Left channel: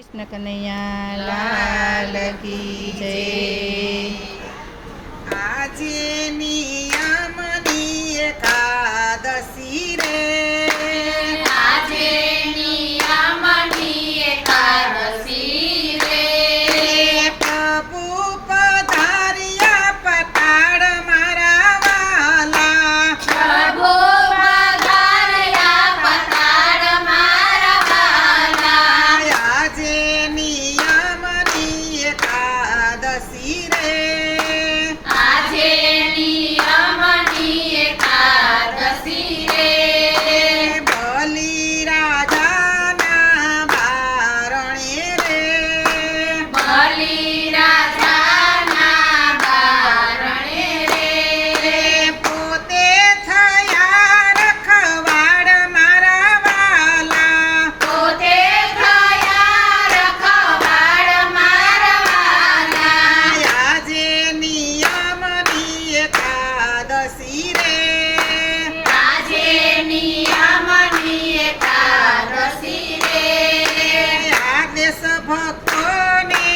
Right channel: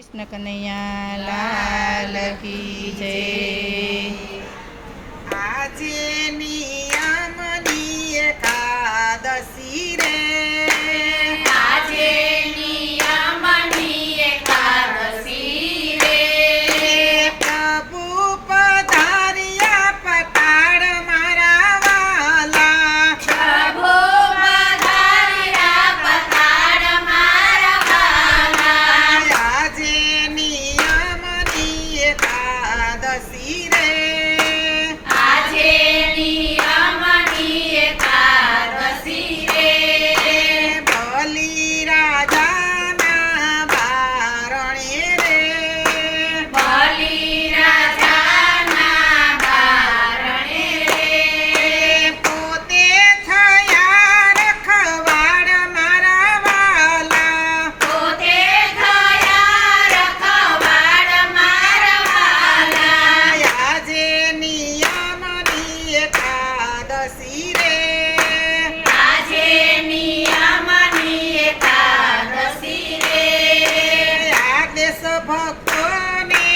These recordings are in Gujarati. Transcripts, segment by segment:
કૃષ્ણ કનૈયા લાલ કી જય। આજે નિયમની એકાદશી રે, આજે નિયમની એકાદશી રે, પ્રભુ પધાર્યા પટાળ મારા વાલા, પ્રભુ પધાર્યા પધાર મારા વાલા। આજે નિયમની એકાદશી રે, આજે નિયમની એકાદશી રે, બલિ રાજાના બારણે રે, બલિ રાજાના બારણે રે, પોતે થયા રખવાડ મારા વાલા, પોતે થયા રખવાડ મારા વાલા। આજે નિયમની એકાદશી રે, આજે નિયમની એકાદશી રે, આદેશ ભક્તોને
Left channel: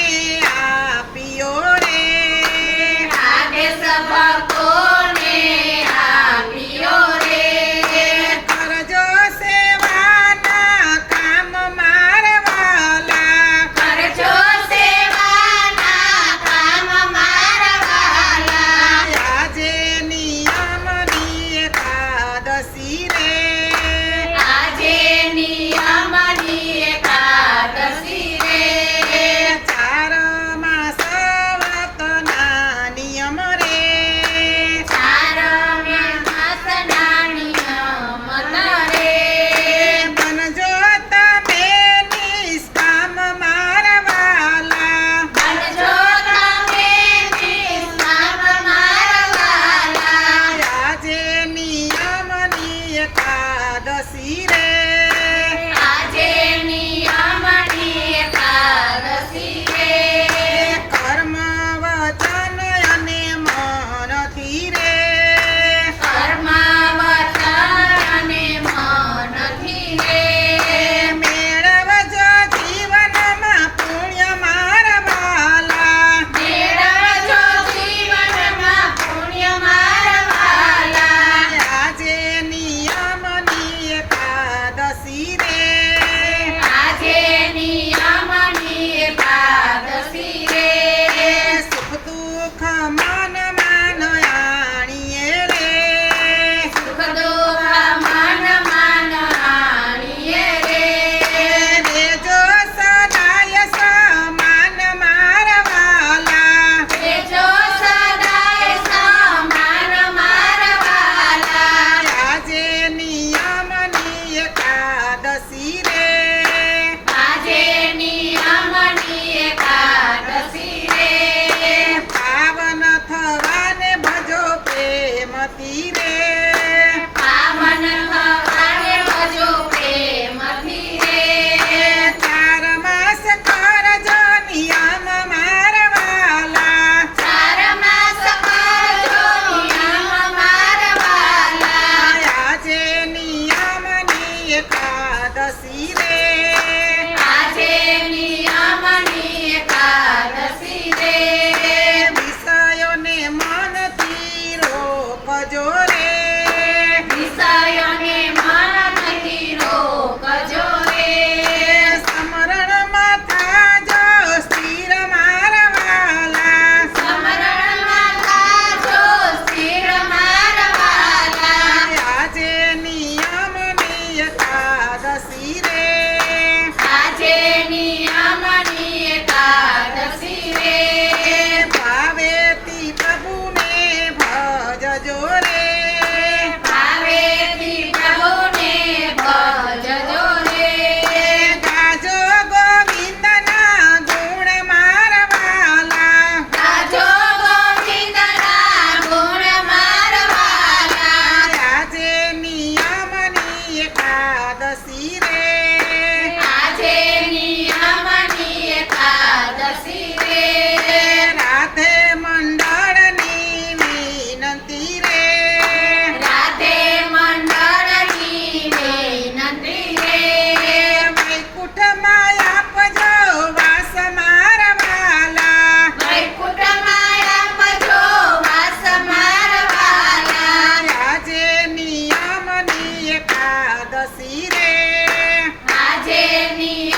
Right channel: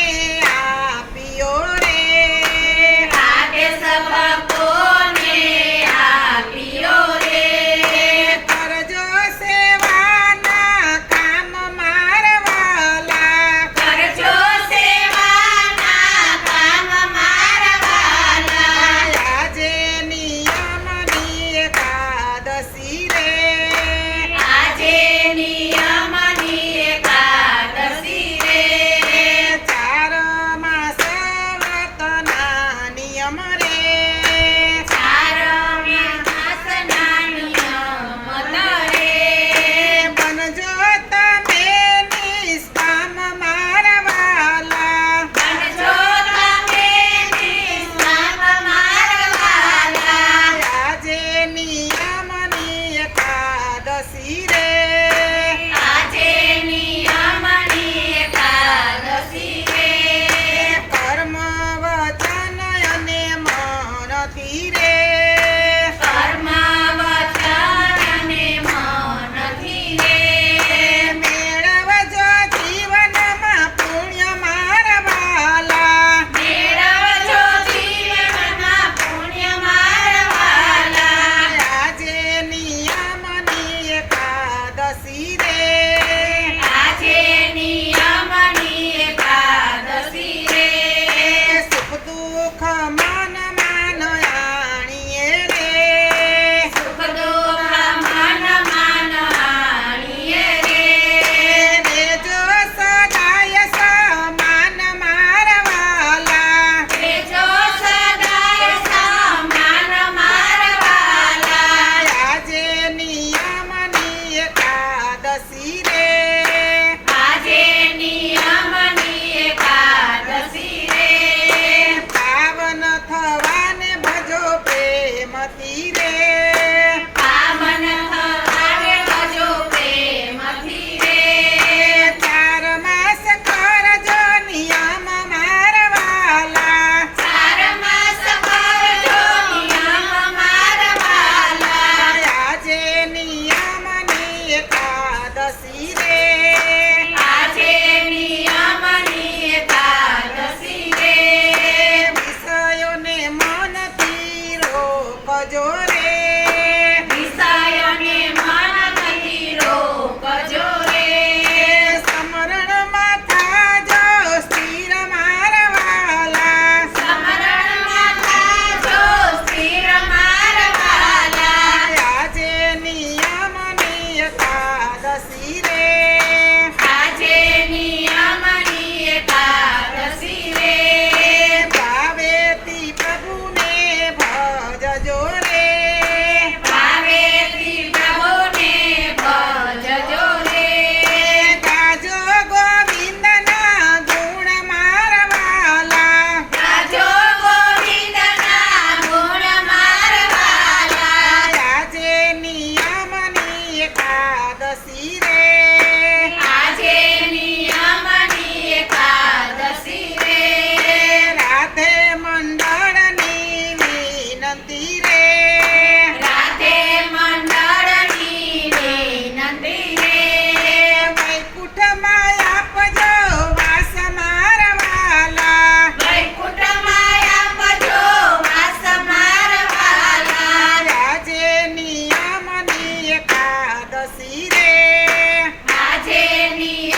એકાદશી રે આજે નિયમની